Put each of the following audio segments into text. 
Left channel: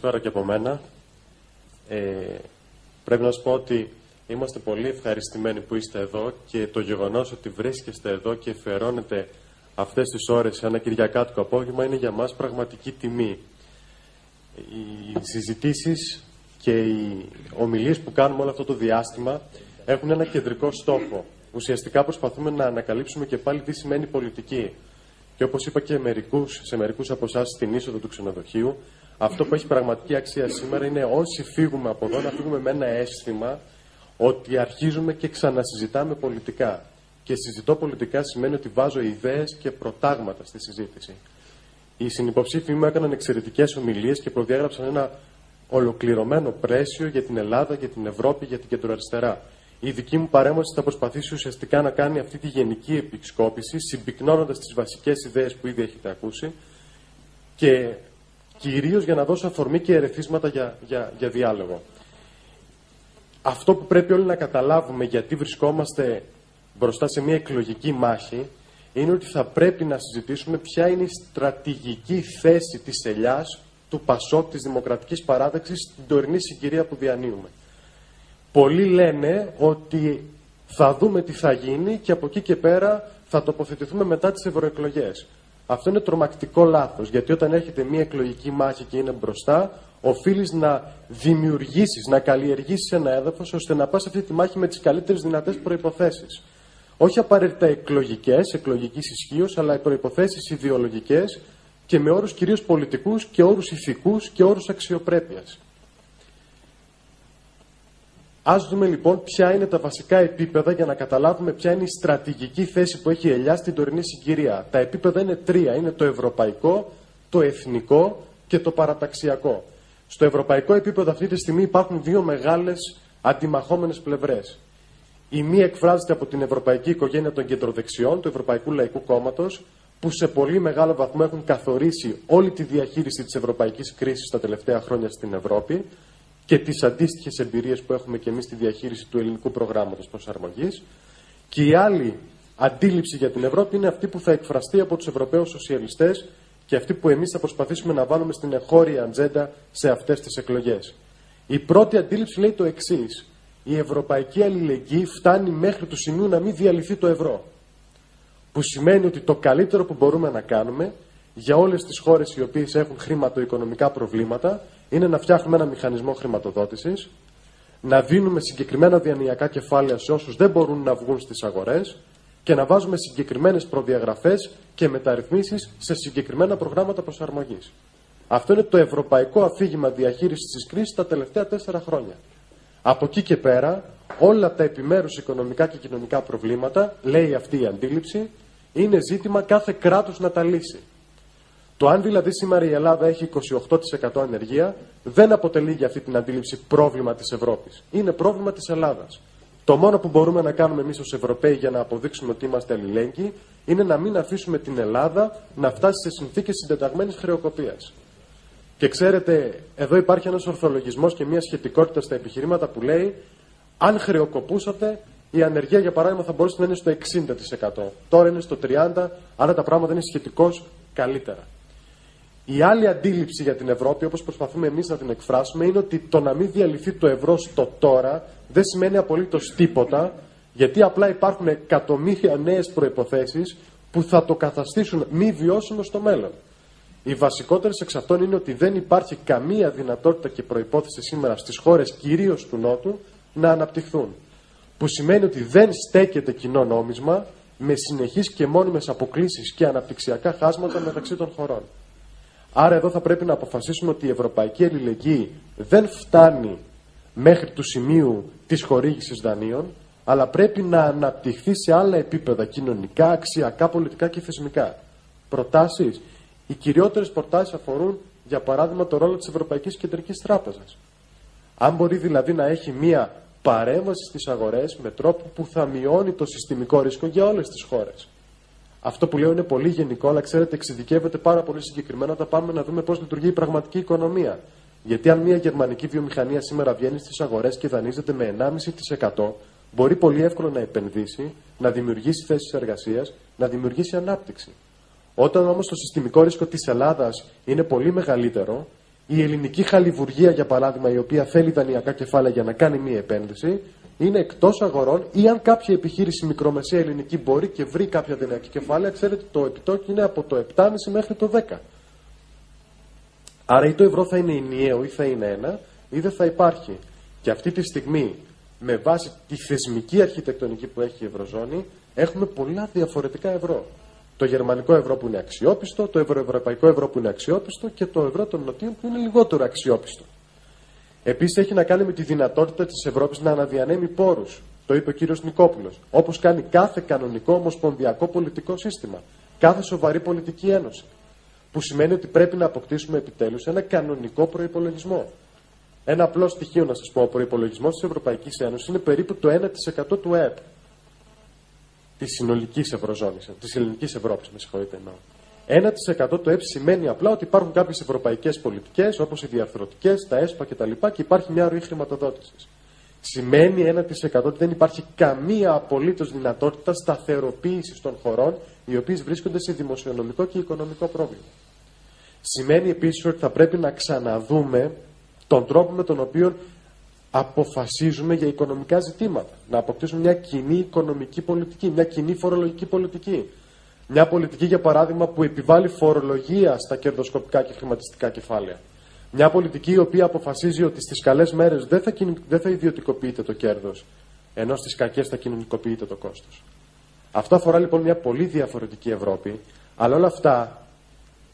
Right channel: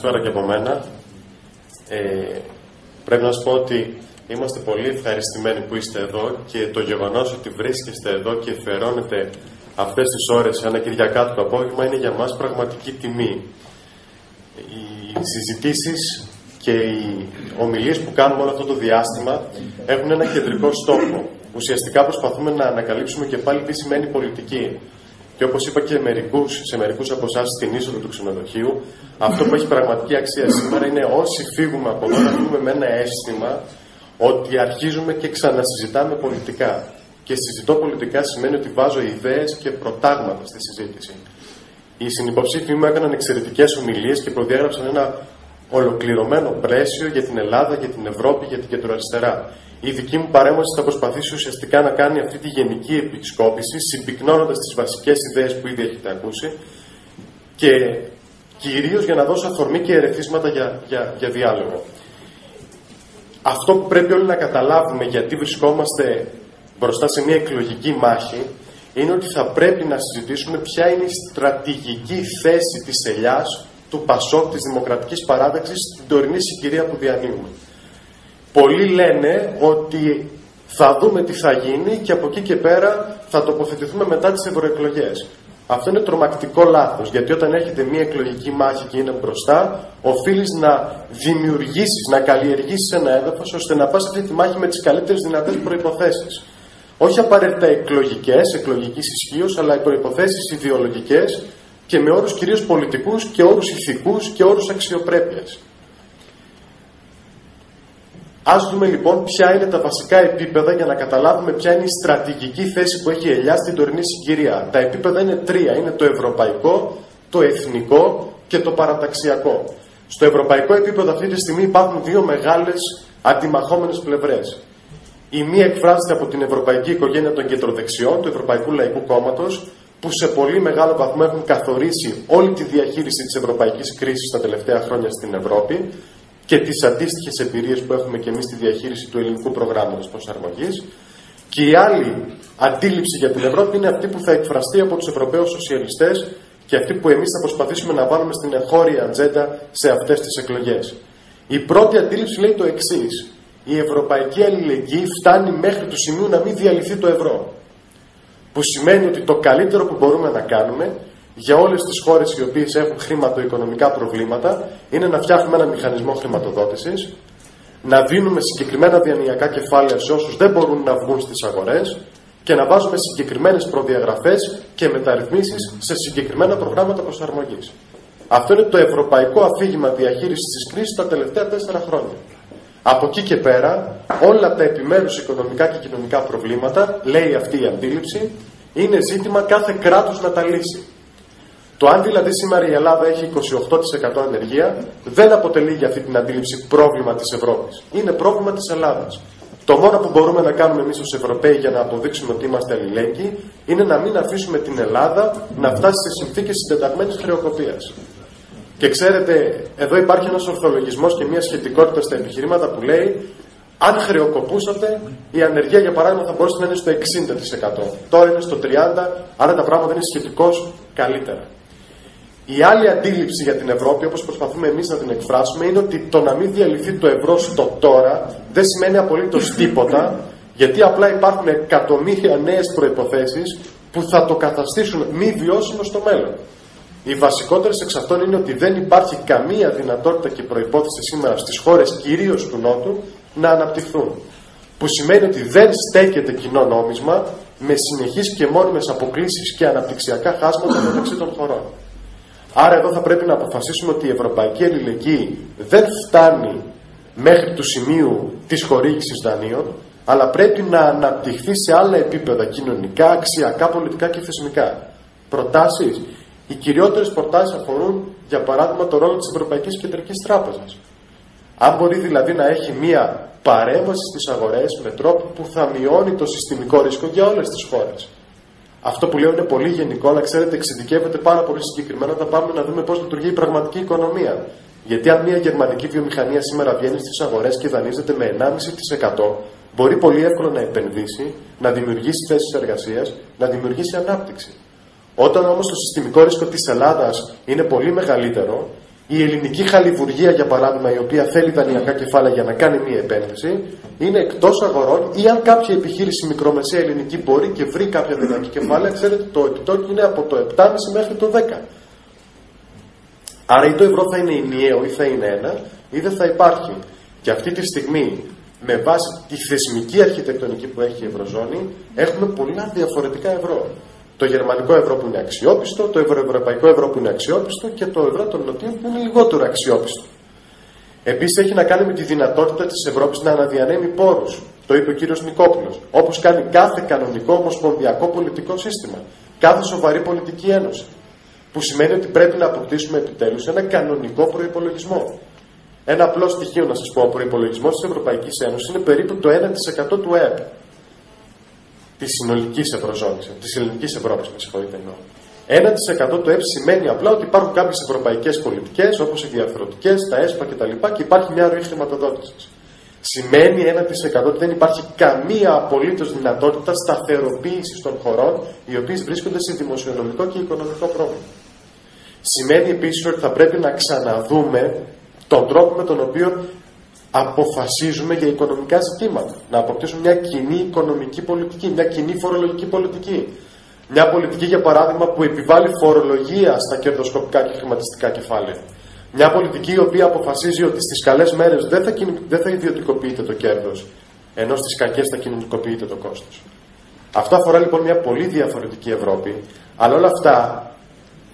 Καλησπέρα και από μένα. Πρέπει να σας πω ότι είμαστε πολύ ευχαριστημένοι που είστε εδώ και το γεγονός ότι βρίσκεστε εδώ και αφιερώνετε αυτές τις ώρες ένα Κυριακάτικο απόγευμα είναι για μας πραγματική τιμή. Οι συζητήσεις και οι ομιλίες που κάνουμε όλο αυτό το διάστημα έχουν ένα κεντρικό στόχο. Ουσιαστικά προσπαθούμε να ανακαλύψουμε και πάλι τι σημαίνει πολιτική. Και όπως είπα και σε μερικούς από εσάς στην είσοδο του ξενοδοχείου, αυτό που έχει πραγματική αξία σήμερα είναι όσοι φύγουμε από εδώ να φύγουμε με ένα αίσθημα ότι αρχίζουμε και ξανασυζητάμε πολιτικά. Και συζητώ πολιτικά σημαίνει ότι βάζω ιδέες και προτάγματα στη συζήτηση. Οι συνυποψήφοι μου έκαναν εξαιρετικές ομιλίες και προδιάγραψαν ένα ολοκληρωμένο πλαίσιο για την Ελλάδα, για την Ευρώπη, για την κεντροαριστερά. Η δική μου παρέμβαση θα προσπαθήσει ουσιαστικά να κάνει αυτή τη γενική επισκόπηση, συμπυκνώνοντας τις βασικές ιδέες που ήδη έχετε ακούσει και κυρίως για να δώσω αφορμή και ερεθίσματα για διάλογο. Αυτό που πρέπει όλοι να καταλάβουμε γιατί βρισκόμαστε μπροστά σε μια εκλογική μάχη είναι ότι θα πρέπει να συζητήσουμε ποια είναι η στρατηγική θέση της ελιάς, του ΠΑΣΟΚ, της Δημοκρατικής Παράταξης στην τωρινή συγκυρία που διανύουμε. Πολλοί λένε ότι θα δούμε τι θα γίνει και από εκεί και πέρα θα τοποθετηθούμε μετά τις ευρωεκλογές. Αυτό είναι τρομακτικό λάθος, γιατί όταν έχετε μια εκλογική μάχη και είναι μπροστά, οφείλεις να δημιουργήσεις, να καλλιεργήσεις ένα έδαφος, ώστε να πας αυτή τη μάχη με τις καλύτερες δυνατές προϋποθέσεις. Όχι απαραίτητα εκλογικής ισχύως, αλλά προϋποθέσεις ιδεολογικές και με όρους κυρίως πολιτικούς και όρους ηθικούς και όρους αξιοπρέπειας. Ας δούμε λοιπόν ποια είναι τα βασικά επίπεδα για να καταλάβουμε ποια είναι η στρατηγική θέση που έχει η ελιά στην τωρινή συγκυρία. Τα επίπεδα είναι τρία. Είναι το ευρωπαϊκό, το εθνικό και το παραταξιακό. Στο ευρωπαϊκό επίπεδο αυτή τη στιγμή υπάρχουν δύο μεγάλες αντιμαχόμενες πλευρές. Η μία εκφράζεται από την ευρωπαϊκή οικογένεια των κεντροδεξιών, του Ευρωπαϊκού Λαϊκού Κόμματος, που σε πολύ μεγάλο βαθμό έχουν καθορίσει όλη τη διαχείριση της ευρωπαϊκής κρίσης τα τελευταία χρόνια στην Ευρώπη και τις αντίστοιχες εμπειρίες που έχουμε και εμείς στη διαχείριση του ελληνικού προγράμματος προσαρμογής. Και η άλλη αντίληψη για την Ευρώπη είναι αυτή που θα εκφραστεί από τους Ευρωπαίους σοσιαλιστές και αυτή που εμείς θα προσπαθήσουμε να βάλουμε στην εγχώρια ατζέντα σε αυτές τις εκλογές. Η πρώτη αντίληψη λέει το εξής. Η ευρωπαϊκή αλληλεγγύη φτάνει μέχρι του σημείου να μην διαλυθεί το ευρώ. Που σημαίνει ότι το καλύτερο που μπορούμε να κάνουμε για όλες τις χώρες οι οποίες έχουν χρηματοοικονομικά προβλήματα είναι να φτιάχνουμε ένα μηχανισμό χρηματοδότησης, να δίνουμε συγκεκριμένα διανοιακά κεφάλαια σε όσους δεν μπορούν να βγουν στις αγορές και να βάζουμε συγκεκριμένες προδιαγραφές και μεταρρυθμίσεις σε συγκεκριμένα προγράμματα προσαρμογής. Αυτό είναι το ευρωπαϊκό αφήγημα διαχείρισης της κρίσης τα τελευταία 4 χρόνια. Από εκεί και πέρα, όλα τα επιμέρους οικονομικά και κοινωνικά προβλήματα, λέει αυτή η αντίληψη, είναι ζήτημα κάθε κράτους να τα λύσει. Το αν δηλαδή σήμερα η Ελλάδα έχει 28% ανεργία, δεν αποτελεί για αυτή την αντίληψη πρόβλημα της Ευρώπης. Είναι πρόβλημα της Ελλάδας. Το μόνο που μπορούμε να κάνουμε εμείς ως Ευρωπαίοι για να αποδείξουμε ότι είμαστε αλληλέγγυοι, είναι να μην αφήσουμε την Ελλάδα να φτάσει σε συνθήκες συντεταγμένης χρεοκοπίας. Και ξέρετε, εδώ υπάρχει ένας ορθολογισμός και μια σχετικότητα στα επιχειρήματα που λέει αν χρεοκοπούσατε, η ανεργία για παράδειγμα θα μπορούσε να είναι στο 60%. Τώρα είναι στο 30%, άρα τα πράγματα είναι σχετικώς καλύτερα. Η άλλη αντίληψη για την Ευρώπη, όπως προσπαθούμε εμείς να την εκφράσουμε, είναι ότι το να μην διαλυθεί το ευρώ στο τώρα δεν σημαίνει απολύτως τίποτα, γιατί απλά υπάρχουν εκατομμύρια νέες προϋποθέσεις που θα το καταστήσουν μη βιώσιμο στο μέλλον. Οι βασικότερες εξ αυτών είναι ότι δεν υπάρχει καμία δυνατότητα και προϋπόθεση σήμερα στις χώρες κυρίως του Νότου να αναπτυχθούν. Που σημαίνει ότι δεν στέκεται κοινό νόμισμα με συνεχείς και μόνιμες αποκλίσεις και αναπτυξιακά χάσματα μεταξύ των χωρών. Άρα εδώ θα πρέπει να αποφασίσουμε ότι η ευρωπαϊκή αλληλεγγύη δεν φτάνει μέχρι του σημείου της χορήγησης δανείων, αλλά πρέπει να αναπτυχθεί σε άλλα επίπεδα κοινωνικά, αξιακά, πολιτικά και θεσμικά. Προτάσεις. Οι κυριότερες προτάσεις αφορούν, για παράδειγμα, το ρόλο της Ευρωπαϊκής Κεντρικής Τράπεζας. Αν μπορεί δηλαδή να έχει μία παρέμβαση στις αγορές με τρόπο που θα μειώνει το συστημικό ρίσκο για όλες τις χώρες. Αυτό που λέω είναι πολύ γενικό, αλλά ξέρετε, εξειδικεύεται πάρα πολύ συγκεκριμένα όταν πάμε να δούμε πώς λειτουργεί η πραγματική οικονομία. Γιατί αν μια γερμανική βιομηχανία σήμερα βγαίνει στις αγορές και δανείζεται με 1,5%, μπορεί πολύ εύκολα να επενδύσει, να δημιουργήσει θέσεις εργασίας, να δημιουργήσει ανάπτυξη. Όταν όμως το συστημικό ρίσκο της Ελλάδας είναι πολύ μεγαλύτερο Η ελληνική χαλιβουργία, για παράδειγμα, η οποία θέλει δανειακά κεφάλαια για να κάνει μία επένδυση, είναι εκτός αγορών, ή αν κάποια επιχείρηση μικρομεσαία ελληνική μπορεί και βρει κάποια δανειακά κεφάλαια, ξέρετε, το επιτόκιο είναι από το 7,5 μέχρι το 10. Άρα ή το ευρώ θα είναι ενιαίο ή θα είναι ένα, ή δεν θα υπάρχει. Και αυτή τη στιγμή, με βάση τη θεσμική αρχιτεκτονική που έχει η Ευρωζώνη, έχουμε πολλά διαφορετικά ευρώ. Το γερμανικό ευρώ που είναι αξιόπιστο, το ευρωευρωπαϊκό ευρώ που είναι αξιόπιστο και το ευρώ των νοτίων που είναι λιγότερο αξιόπιστο. Επίσης έχει να κάνει με τη δυνατότητα της Ευρώπης να αναδιανέμει πόρους. Το είπε ο κύριος Νικόπουλος. Όπως κάνει κάθε κανονικό ομοσπονδιακό πολιτικό σύστημα. Κάθε σοβαρή πολιτική ένωση. Που σημαίνει ότι πρέπει να αποκτήσουμε επιτέλους ένα κανονικό προϋπολογισμό. Ένα απλό στοιχείο να σας πω: ο προϋπολογισμός της Ευρωπαϊκής Ένωσης είναι περίπου το 1% του ΕΕΠ. Της συνολικής Ευρωζώνης, της ελληνικής Ευρώπης, με συγχωρείτε, εννοώ. 1% του ΕΕΠ σημαίνει απλά ότι υπάρχουν κάποιες ευρωπαϊκές πολιτικές, όπως οι διαφορετικές, τα ΕΣΠΑ κτλ. Και υπάρχει μια ροή χρηματοδότησης. Σημαίνει 1% ότι δεν υπάρχει καμία απολύτως δυνατότητα σταθεροποίησης των χωρών, οι οποίες βρίσκονται σε δημοσιονομικό και οικονομικό πρόβλημα. Σημαίνει επίσης ότι θα πρέπει να ξαναδούμε τον τρόπο με τον οποίο αποφασίζουμε για οικονομικά ζητήματα. Να αποκτήσουμε μια κοινή οικονομική πολιτική, μια κοινή φορολογική πολιτική. Μια πολιτική, για παράδειγμα, που επιβάλλει φορολογία στα κερδοσκοπικά και χρηματιστικά κεφάλαια. Μια πολιτική η οποία αποφασίζει ότι στις καλές μέρες δεν θα ιδιωτικοποιείται το κέρδος, ενώ στις κακές θα κοινωνικοποιείται το κόστος. Αυτό αφορά λοιπόν μια πολύ διαφορετική Ευρώπη, αλλά όλα αυτά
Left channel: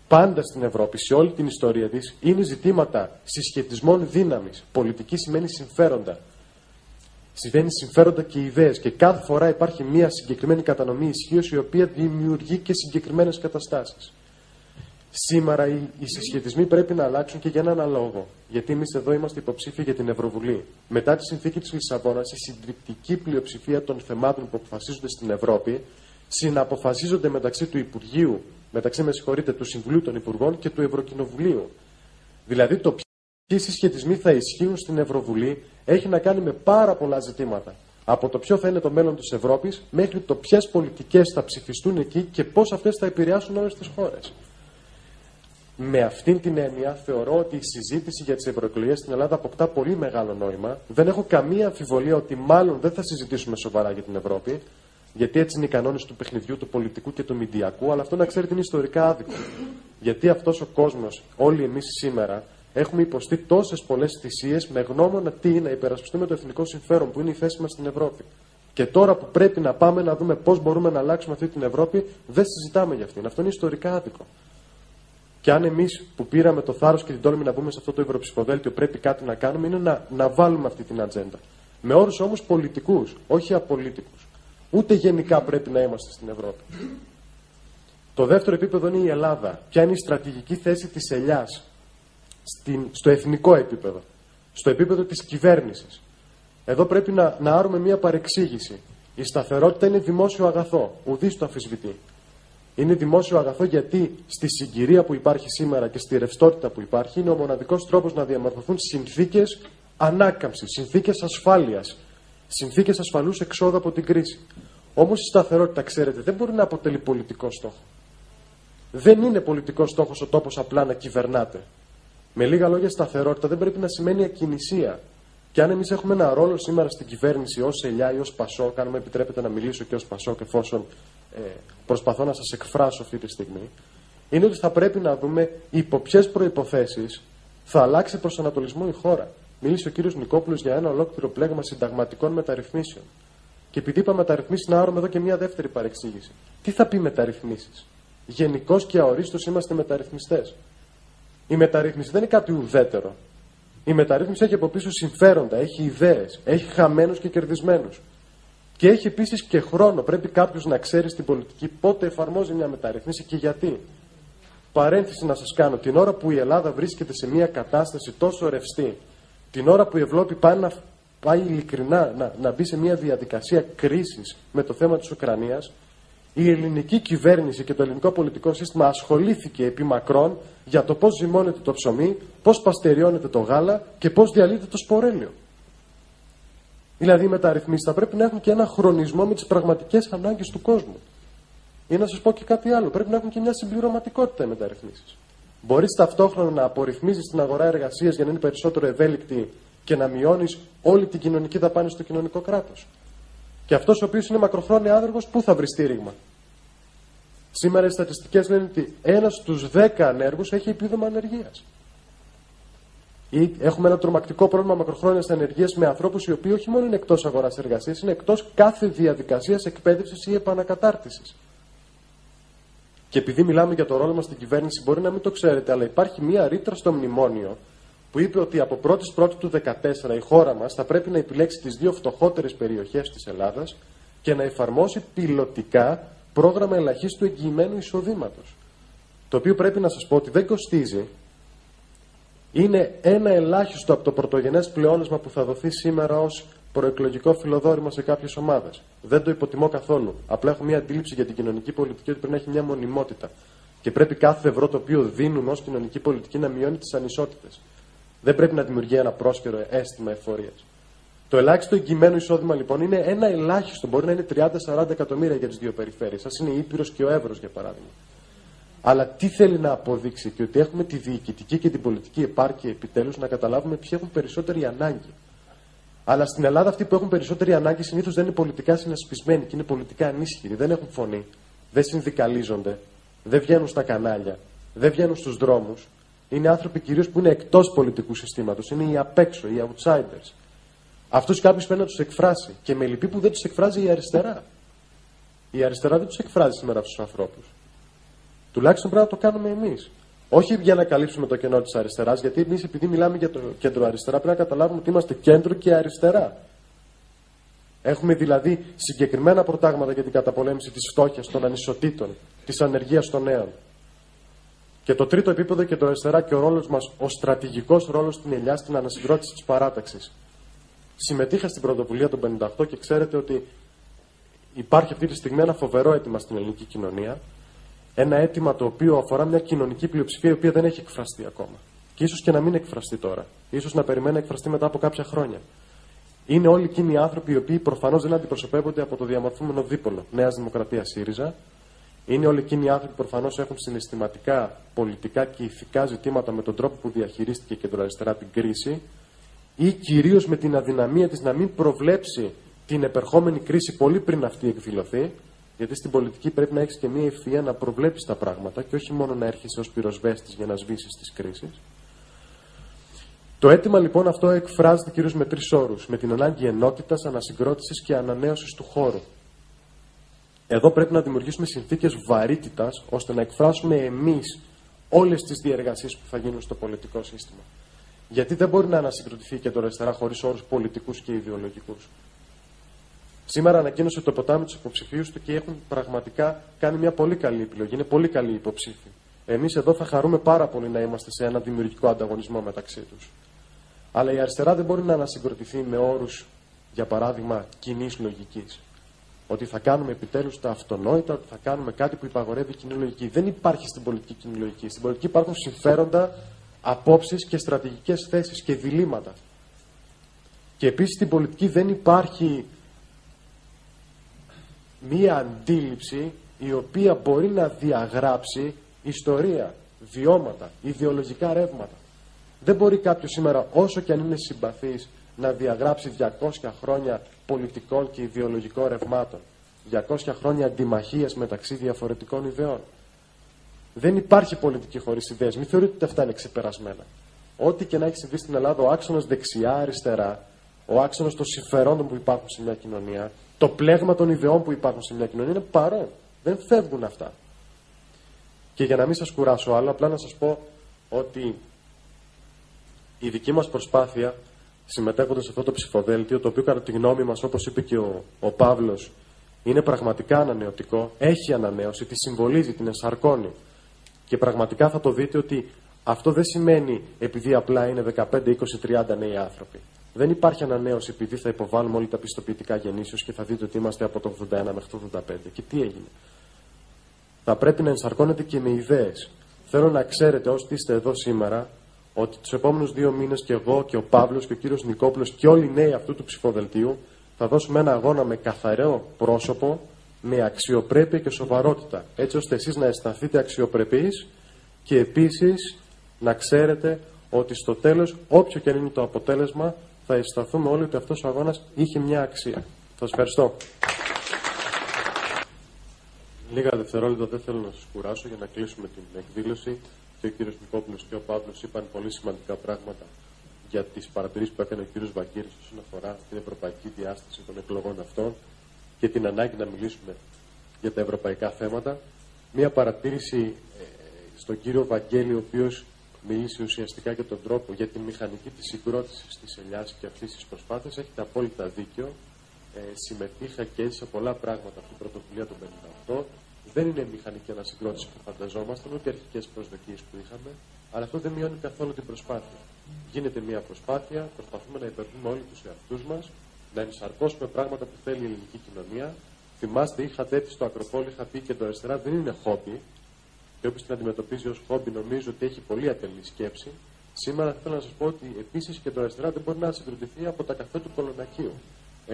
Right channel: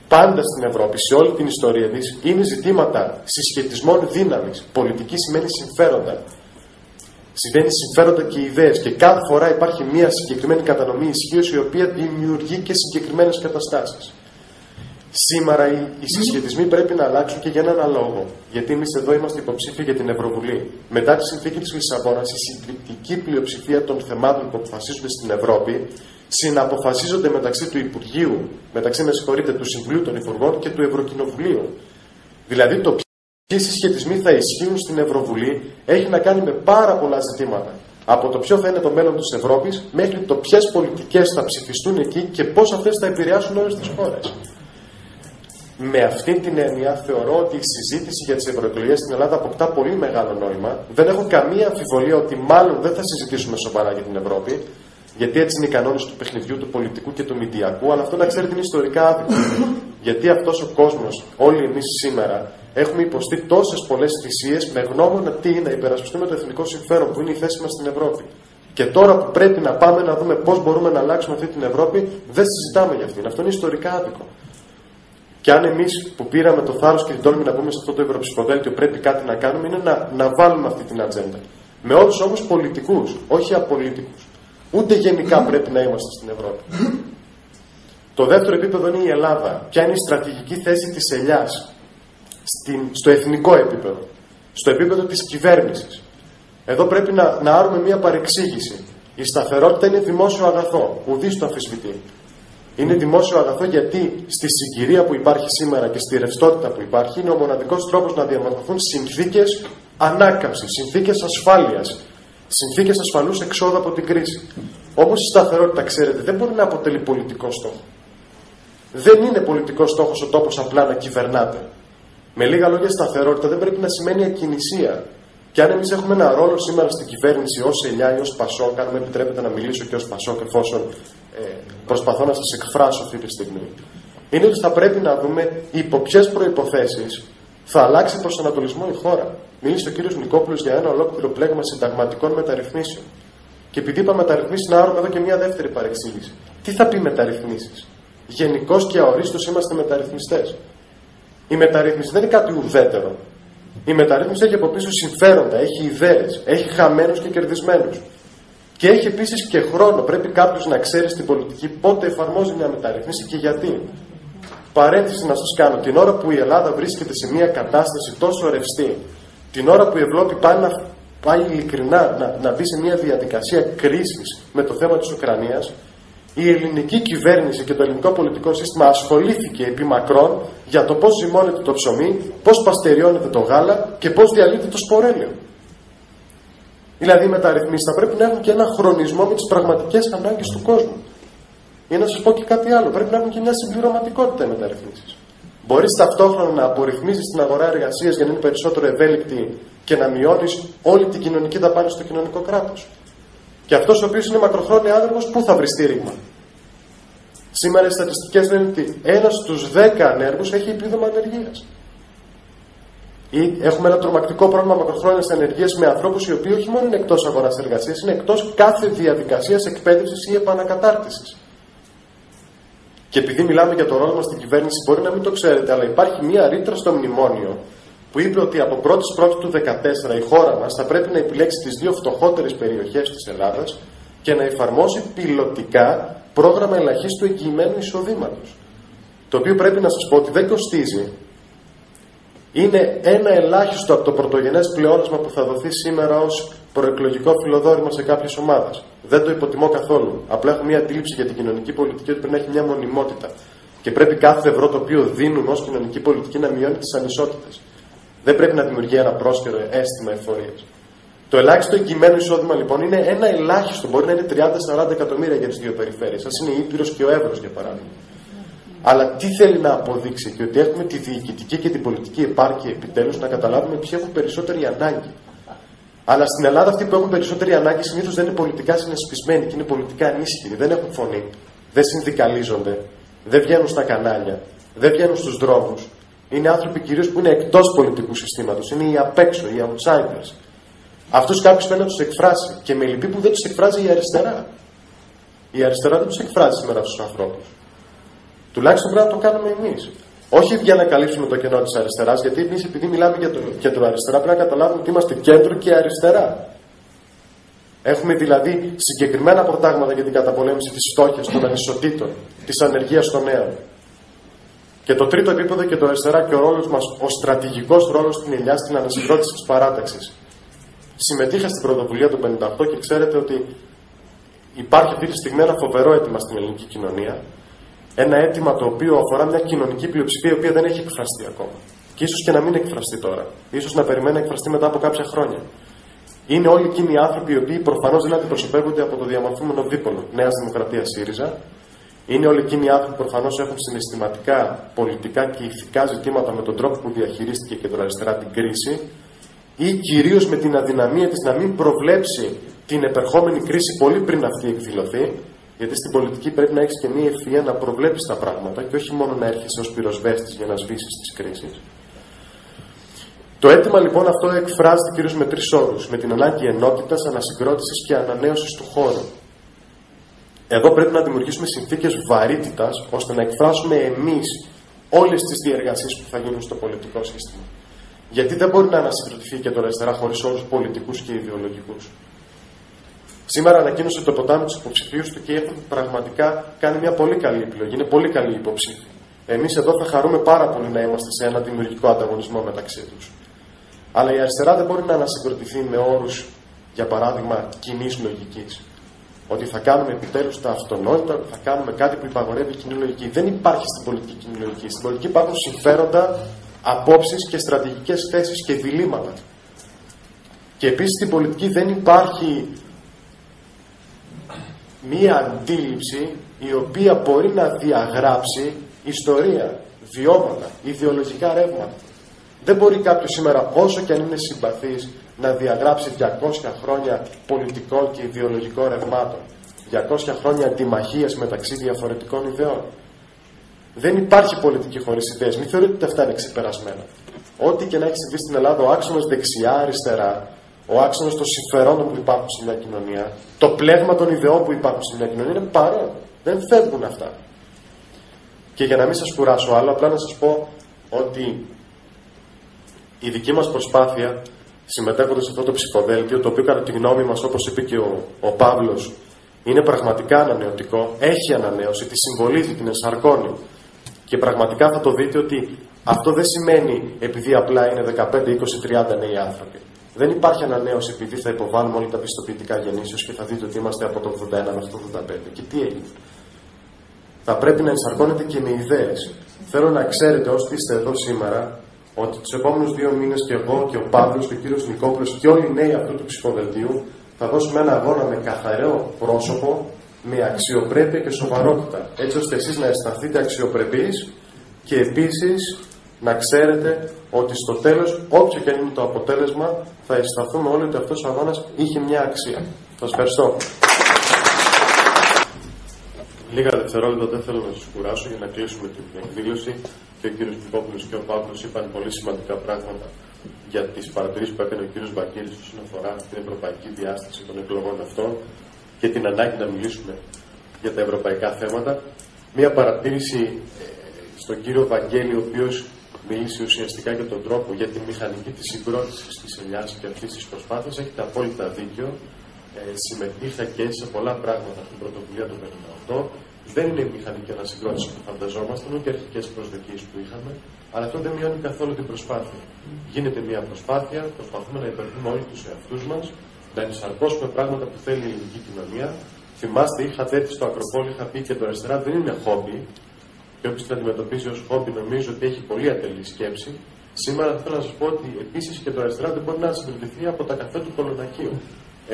πάντα στην Ευρώπη, σε όλη την ιστορία της, είναι ζητήματα συσχετισμών δύναμης. Πολιτική σημαίνει συμφέροντα. Σημαίνει συμφέροντα και ιδέες. Και κάθε φορά υπάρχει μια συγκεκριμένη κατανομή ισχύως, η οποία δημιουργεί και συγκεκριμένες καταστάσεις. Σήμερα οι συσχετισμοί πρέπει να αλλάξουν και για έναν λόγο. Γιατί εμείς εδώ είμαστε υποψήφοι για την Ευρωβουλή. Μετά τη συνθήκη της Λισαβόνας, η συντριπτική πλειοψηφία των θεμάτων που αποφασίζονται στην Ευρώπη συναποφασίζονται μεταξύ του Υπουργείου, του Συμβουλίου των Υπουργών και του Ευρωκοινοβουλίου. Δηλαδή το ποιοι συσχετισμοί θα ισχύουν στην Ευρωβουλή έχει να κάνει με πάρα πολλά ζητήματα. Από το ποιο θα είναι το μέλλον της Ευρώπης μέχρι το ποιες πολιτικές θα ψηφιστούν εκεί και πώς αυτές θα επηρεάσουν όλες τις χώρες. Με αυτήν την έννοια θεωρώ ότι η συζήτηση για τις ευρωεκλογές στην Ελλάδα αποκτά πολύ μεγάλο νόημα. Δεν έχω καμία αμφιβολία ότι μάλλον δεν θα συζητήσουμε σοβαρά για την Ευρώπη. Γιατί έτσι είναι οι κανόνες του παιχνιδιού, του πολιτικού και του μηντιακού, αλλά αυτό να ξέρετε είναι ιστορικά άδικο. Γιατί αυτός ο κόσμος, όλοι εμείς σήμερα, έχουμε υποστεί τόσες πολλές θυσίες με γνώμονα τι είναι να υπερασπιστούμε το εθνικό συμφέρον, που είναι η θέση μας στην Ευρώπη. Και τώρα που πρέπει να πάμε να δούμε πώς μπορούμε να αλλάξουμε αυτή την Ευρώπη, δεν συζητάμε για αυτήν. Αυτό είναι ιστορικά άδικο. Και αν εμείς που πήραμε το θάρρος και την τόλμη να μπούμε σε αυτό το ευρωψηφοδέλτιο πρέπει κάτι να κάνουμε, είναι να βάλουμε αυτή την ατζέντα. Με όρους όμως πολιτικούς, όχι απολύτικους. Ούτε γενικά πρέπει να είμαστε στην Ευρώπη. Το δεύτερο επίπεδο είναι η Ελλάδα. Ποια είναι η στρατηγική θέση της ελιάς στο εθνικό επίπεδο, στο επίπεδο της κυβέρνησης. Εδώ πρέπει να άρουμε μια παρεξήγηση. Η σταθερότητα είναι δημόσιο αγαθό. Ουδής το αμφισβητεί. Είναι δημόσιο αγαθό γιατί στη συγκυρία που υπάρχει σήμερα και στη ρευστότητα που υπάρχει είναι ο μοναδικός τρόπος να διαμορφωθούν συνθήκες ανάκαμψης, συνθήκες ασφάλειας, συνθήκες ασφαλούς εξόδου από την κρίση. Όμως η σταθερότητα, ξέρετε, δεν μπορεί να αποτελεί πολιτικό στόχο. Δεν είναι πολιτικό στόχος ο τόπος απλά να κυβερνάται. Με λίγα λόγια, σταθερότητα δεν πρέπει να σημαίνει ακινησία. Και αν εμείς έχουμε ένα ρόλο σήμερα στην κυβέρνηση ως ελιά ή ως Πασόκ, αν μου επιτρέπετε να μιλήσω και ως Πασόκ, εφόσον προσπαθώ να σας εκφράσω αυτή τη στιγμή, είναι ότι θα πρέπει να δούμε υπό ποιες προϋποθέσεις θα αλλάξει προσανατολισμό η χώρα. Μίλησε ο κύριος Νικόπουλος για ένα ολόκληρο πλέγμα συνταγματικών μεταρρυθμίσεων. Και επειδή είπα μεταρρυθμίσεις, να άρουμε εδώ και μια δεύτερη παρεξήγηση. Τι θα πει μεταρρυθμίσεις? Γενικώς και αορίστως είμαστε μεταρρυθμιστές. Η μεταρρύθμιση δεν είναι κάτι ουδέτερο. Η μεταρρύθμιση έχει από πίσω συμφέροντα, έχει ιδέες, έχει χαμένους και κερδισμένους. Και έχει επίσης και χρόνο. Πρέπει κάποιος να ξέρει στην πολιτική πότε εφαρμόζει μια μεταρρύθμιση και γιατί. Παρένθεση να σας κάνω. Την ώρα που η Ελλάδα βρίσκεται σε μια κατάσταση τόσο ρευστή, την ώρα που η Ευρώπη πάει ειλικρινά να μπει σε μια διαδικασία κρίσης με το θέμα της Ουκρανίας, η ελληνική κυβέρνηση και το ελληνικό πολιτικό σύστημα ασχολήθηκε επί μακρόν για το πώς ζυμώνεται το ψωμί, πώς παστεριώνεται το γάλα και πώς διαλύεται το σπορέλαιο. Δηλαδή οι μεταρρυθμίσεις θα πρέπει να έχουν και ένα χρονισμό με τις πραγματικές ανάγκες του κόσμου. Ή να σας πω και κάτι άλλο, πρέπει να έχουν και μια συμπληρωματικότητα οι μεταρρυθμίσεις. Μπορείς ταυτόχρονα να απορριθμίζεις την αγορά εργασίας για να είναι περισσότερο ευέλικτη και να μειώνεις όλη την κοινωνική δαπάνη στο κοινωνικό κράτος. Και αυτός ο οποίος είναι μακροχρόνια άνεργος, πού θα βρει στήριγμα? Σήμερα οι στατιστικές λένε ότι 1 στους 10 ανέργους έχει επίδομα ανεργίας. Ή έχουμε ένα τρομακτικό πρόβλημα μακροχρόνιας ανεργίας με ανθρώπους οι οποίοι όχι μόνο είναι εκτός αγοράς εργασίας, είναι εκτός κάθε διαδικασίας εκπαίδευσης ή επανακατάρτισης. Και επειδή μιλάμε για το ρόλο μας στην κυβέρνηση, μπορεί να μην το ξέρετε, αλλά υπάρχει μία ρήτρα στο μνημόνιο που είπε ότι από 1η του 2014 η χώρα μας θα πρέπει να επιλέξει τις 2 φτωχότερες περιοχές της Ελλάδας και να εφαρμόσει πιλωτικά πρόγραμμα ελαχίστου εγγυημένου εισοδήματος. Το οποίο πρέπει να σας πω ότι δεν κοστίζει. Είναι ένα ελάχιστο από το πρωτογενές πλεόνασμα που θα δοθεί σήμερα ως προεκλογικό φιλοδόρημα σε κάποιες ομάδες. Δεν το υποτιμώ καθόλου. Απλά έχω μια αντίληψη για την κοινωνική πολιτική ότι πρέπει να έχει μια μονιμότητα. Και πρέπει κάθε ευρώ το οποίο δίνουμε ως κοινωνική πολιτική να μειώνει τις ανισότητες. Δεν πρέπει να δημιουργεί ένα πρόσκαιρο αίσθημα εφορίας. Το ελάχιστο εγγυημένο εισόδημα λοιπόν είναι ένα ελάχιστο. Μπορεί να είναι 30-40 εκατομμύρια για τις 2 περιφέρειες. Ας είναι η Ήπειρος και ο Εύρος για παράδειγμα. Αλλά τι θέλει να αποδείξει? Και ότι έχουμε τη διοικητική και την πολιτική επάρκεια επιτέλους να καταλάβουμε ποιοι έχουν περισσότερη ανάγκη. Αλλά στην Ελλάδα αυτοί που έχουν περισσότερη ανάγκη συνήθως δεν είναι πολιτικά συνασπισμένοι και είναι πολιτικά ανίσχυροι. Δεν έχουν φωνή. Δεν συνδικαλίζονται. Δεν βγαίνουν στα κανάλια. Δεν βγαίνουν στους δρόμους. Είναι άνθρωποι κυρίως που είναι εκτός πολιτικού συστήματος. Είναι οι απ' έξω, οι outsiders. Αυτούς κάποιος πρέπει να τους εκφράσει. Και με λυπεί που δεν τους εκφράζει η αριστερά. Η αριστερά δεν τους εκφράζει σήμερα στους ανθρώπους. Τουλάχιστον πρέπει να το κάνουμε εμείς. Όχι για να καλύψουμε το κενό της αριστεράς, γιατί εμείς επειδή μιλάμε για το κέντρο αριστερά πρέπει να καταλάβουμε ότι είμαστε κέντρο και αριστερά. Έχουμε δηλαδή συγκεκριμένα προτάγματα για την καταπολέμηση της φτώχειας, των ανισοτήτων, της ανεργίας των νέων. Και το τρίτο επίπεδο και το αριστερά και ο ρόλος μας, ο στρατηγικός ρόλος στην ελιά στην ανασυγκρότηση της παράταξης. Συμμετείχα στην πρωτοβουλία του 58 και ξέρετε ότι υπάρχει αυτή τη στιγμή ένα φοβερό αίτημα στην ελληνική κοινωνία. Ένα αίτημα το οποίο αφορά μια κοινωνική πλειοψηφία η οποία δεν έχει εκφραστεί ακόμα. Και ίσως και να μην εκφραστεί τώρα. Ίσως να περιμένει να εκφραστεί μετά από κάποια χρόνια. Είναι όλοι εκείνοι οι άνθρωποι οι οποίοι προφανώς δεν αντιπροσωπεύονται από το διαμορφούμενο δίπολο Νέας Δημοκρατίας ΣΥΡΙΖΑ. Είναι όλοι εκείνοι οι άνθρωποι που προφανώς έχουν συναισθηματικά, πολιτικά και ηθικά ζητήματα με τον τρόπο που διαχειρίστηκε η κεντροαριστερά την κρίση. Ή κυρίως με την αδυναμία της να μην προβλέψει την επερχόμενη κρίση πολύ πριν αυτή εκδηλωθεί. Γιατί στην πολιτική πρέπει να έχεις και μία ευφυΐα να προβλέπεις τα πράγματα και όχι μόνο να έρχεσαι ως πυροσβέστης για να σβήσεις τις κρίσεις. Το αίτημα λοιπόν αυτό εκφράζεται κυρίως με 3 όρους. Με την ανάγκη ενότητας, ανασυγκρότησης και ανανέωσης του χώρου. Εδώ πρέπει να δημιουργήσουμε συνθήκες βαρύτητας ώστε να εκφράσουμε εμείς όλες τις διεργασίες που θα γίνουν στο πολιτικό σύστημα. Γιατί δεν μπορεί να ανασυγκροτηθεί και τώρα αριστερά χωρίς όρους πολιτικούς και ιδεολογικούς. Σήμερα ανακοίνωσε το ποτάμι τους υποψηφίους του και έχουν πραγματικά κάνει μια πολύ καλή επιλογή. Είναι πολύ καλή υποψήφοι. Εμείς εδώ θα χαρούμε πάρα πολύ να είμαστε σε ένα δημιουργικό ανταγωνισμό μεταξύ τους. Αλλά η αριστερά δεν μπορεί να ανασυγκροτηθεί με όρους, για παράδειγμα, κοινής λογικής. Ότι θα κάνουμε επιτέλους τα αυτονόητα, ότι θα κάνουμε κάτι που υπαγορεύει η κοινή λογική. Δεν υπάρχει στην πολιτική κοινή λογική. Στην πολιτική υπάρχουν συμφέροντα, απόψεις και στρατηγικές θέσεις και διλήμματα. Και επίσης στην πολιτική δεν υπάρχει μία αντίληψη η οποία μπορεί να διαγράψει ιστορία, βιώματα, ιδεολογικά ρεύματα. Δεν μπορεί κάποιος σήμερα, όσο και αν είναι συμπαθής, να διαγράψει 200 χρόνια πολιτικών και ιδεολογικών ρευμάτων, 200 χρόνια αντιμαχίας μεταξύ διαφορετικών ιδεών. Δεν υπάρχει πολιτική χωρίς ιδέες. Μην θεωρείτε ότι αυτά είναι ξεπερασμένα. Ό,τι και να έχει συμβεί στην Ελλάδα, ο άξονας δεξιά-αριστερά, ο άξονας των συμφερόντων που υπάρχουν σε μια κοινωνία, το πλέγμα των ιδεών που υπάρχουν σε μια κοινωνία είναι παρόν. Δεν φεύγουν αυτά. Και για να μην σας κουράσω άλλο, απλά να σας πω ότι η δική μας προσπάθεια, συμμετέχοντας σε αυτό το ψηφοδέλτιο, το οποίο κατά τη γνώμη μας, όπως είπε και ο Παύλος, είναι πραγματικά ανανεωτικό, έχει ανανέωση, τη συμβολίζει, την ενσαρκώνει. Και πραγματικά θα το δείτε ότι αυτό δεν σημαίνει επειδή απλά είναι 15, 20, 30 νέοι άνθρωποι. Δεν υπάρχει ανανέωση επειδή θα υποβάλουμε όλα τα πιστοποιητικά γεννήσεως και θα δείτε ότι είμαστε από το 81 μέχρι το 85. Και τι έγινε? Θα πρέπει να ενσαρκώνετε και με ιδέες. Θέλω να ξέρετε όσοι είστε εδώ σήμερα ότι τους επόμενους 2 μήνες και εγώ και ο Παύλος και ο κύριος Νικόπουλος και όλοι οι νέοι αυτού του ψηφοδελτίου θα δώσουμε ένα αγώνα με καθαρό πρόσωπο, με αξιοπρέπεια και σοβαρότητα. Έτσι ώστε εσείς να αισθανθείτε αξιοπρεπείς Και επίσης, να ξέρετε ότι στο τέλος, όποιο και αν είναι το αποτέλεσμα, θα αισθανθούμε όλοι ότι αυτός ο αγώνας είχε μια αξία. Σας ευχαριστώ. Λίγα δευτερόλεπτα δεν θέλω να σας κουράσω για να κλείσουμε την εκδήλωση. Και ο κύριος Πικόπουλος και ο Παύλος είπαν πολύ σημαντικά πράγματα για τις παρατηρήσεις που έκανε ο κύριος Βαγγέλης όσον αφορά την ευρωπαϊκή διάσταση των εκλογών αυτών και την ανάγκη να μιλήσουμε για τα ευρωπαϊκά θέματα. Μία παρατήρηση στον κύριο Βαγγέλη, ο οποίος μίλησε ουσιαστικά για τον τρόπο, για τη μηχανική της συγκρότησης της ελιάς και αυτής της προσπάθειας. Έχετε απόλυτα δίκιο. Συμμετείχα και σε πολλά πράγματα στην πρωτοβουλία του 58. Δεν είναι η μηχανική ανασυγκρότηση που φανταζόμασταν, ούτε οι αρχικές προσδοκίες που είχαμε, αλλά αυτό δεν μειώνει καθόλου την προσπάθεια. Γίνεται μια προσπάθεια, προσπαθούμε να υπερβούμε όλοι τους εαυτούς μας, να ενσαρκώσουμε πράγματα που θέλει η ελληνική κοινωνία. Θυμάστε, είχατε έρθει στο Ακροπόλι, είχα πει και το αριστερά δεν είναι χόμπι, και όποιος την αντιμετωπίζει ως χόμπι νομίζω ότι έχει πολύ ατελή σκέψη. Σήμερα θέλω να σας πω ότι επίσης και το αριστερά δεν μπορεί να συγκροτηθεί από τα καφέ του Κολονακίου.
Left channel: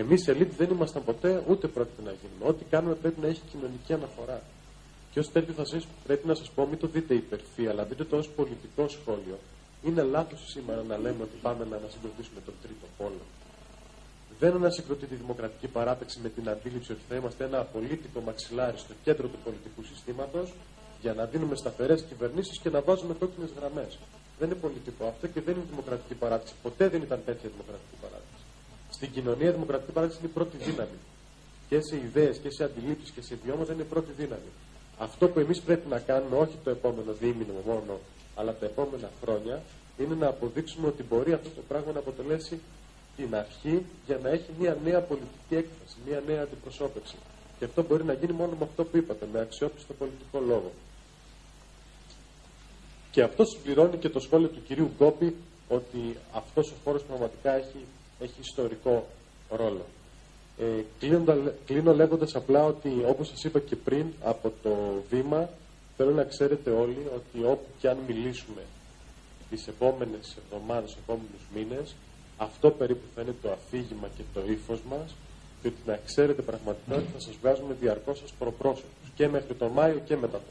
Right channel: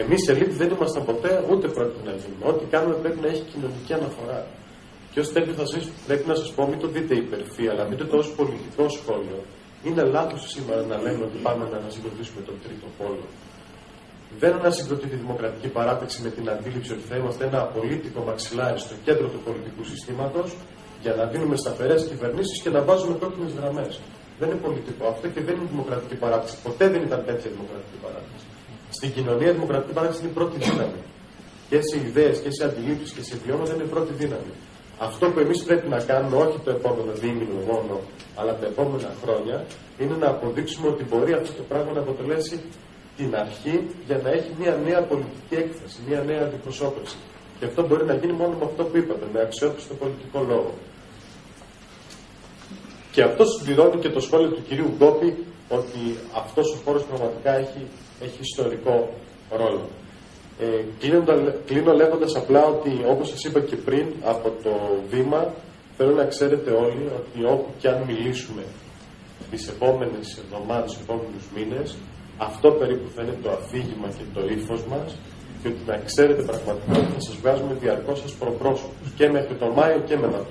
Εμείς ελίτ δεν ήμασταν ποτέ, ούτε πρόκειται να γίνουμε. Ό,τι κάνουμε πρέπει να έχει κοινωνική αναφορά. Και ως τέτοιο πρέπει να σας πω, μην το δείτε υπερφύ, αλλά δείτε το ως πολιτικό σχόλιο. Είναι λάθος σήμερα να λέμε ότι πάμε να ανασυγκροτήσουμε τον τρίτο πόλο. Δεν ανασυγκροτεί τη δημοκρατική παράταξη με την αντίληψη ότι θα είμαστε ένα απολύτικο μαξιλάρι στο κέντρο του πολιτικού συστήματος για να δίνουμε σταθερές κυβερνήσεις και να βάζουμε κόκκινες γραμμές. Δεν είναι πολιτικό αυτό και δεν είναι δημοκρατική παράταξη. Ποτέ δεν ήταν τέτοια δημοκρατική παράταξη. Στην κοινωνία η δημοκρατική παράταξη είναι η πρώτη δύναμη. Και σε ιδέες και σε αντιλήψεις και σε βιώματα είναι η πρώτη δύναμη. Αυτό που εμείς πρέπει να κάνουμε, όχι το επόμενο δίμηνο μόνο, αλλά τα επόμενα χρόνια, είναι να αποδείξουμε ότι μπορεί αυτό το πράγμα να αποτελέσει την αρχή για να έχει μια νέα πολιτική έκφραση, μια νέα αντιπροσώπευση. Και αυτό μπορεί να γίνει μόνο με αυτό που είπατε, με αξιόπιστο πολιτικό λόγο. Και αυτό συμπληρώνει και το σχόλιο του κυρίου Γκόπη ότι αυτός ο χώρος πραγματικά έχει ιστορικό ρόλο. Κλείνω λέγοντας απλά ότι, όπως σας είπα και πριν, από το βήμα θέλω να ξέρετε όλοι ότι όπου και αν μιλήσουμε τις επόμενες εβδομάδες, τους επόμενους μήνες, αυτό περίπου θα είναι το αφήγημα και το ύφος μας και ότι να ξέρετε πραγματικά ότι θα σας βγάζουμε διαρκώς σας προπρόσωπους και μέχρι τον Μάιο και μετά.